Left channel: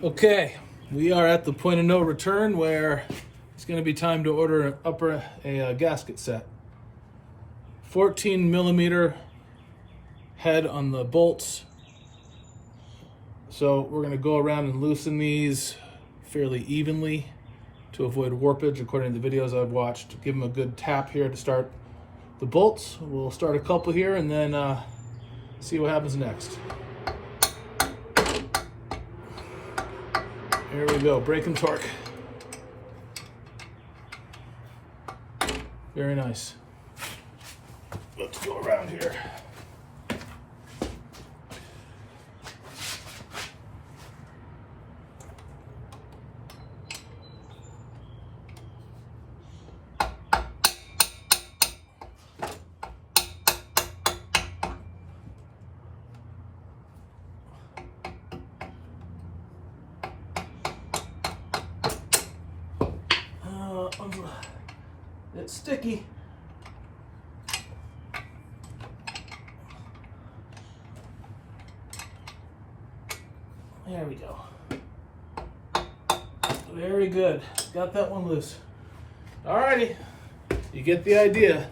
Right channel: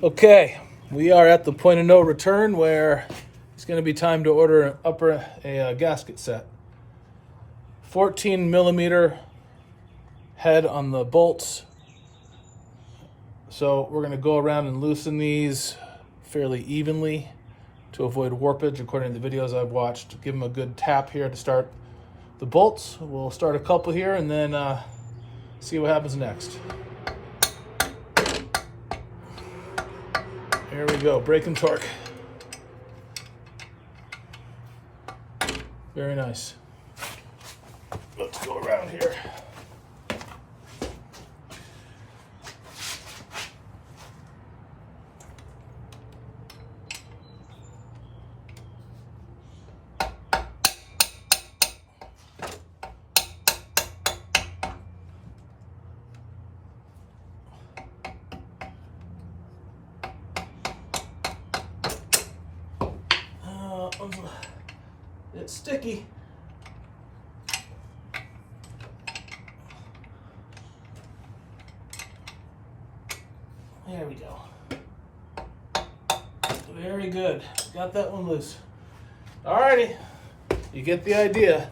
Okay, we are at the point of no return where it's going to be time to order a gasket set. 14 millimeter head on the bolts. So we're going to go around and loosen these fairly evenly to avoid warpage according to the videos I've watched. Give them a good tap here to start the bolts. We'll start a couple here and then see what happens next. Here we go, brake and torque. Very nice. Let's go around here. It's sticky. There we go. Very good. Got that one loose. Alrighty. You get the idea.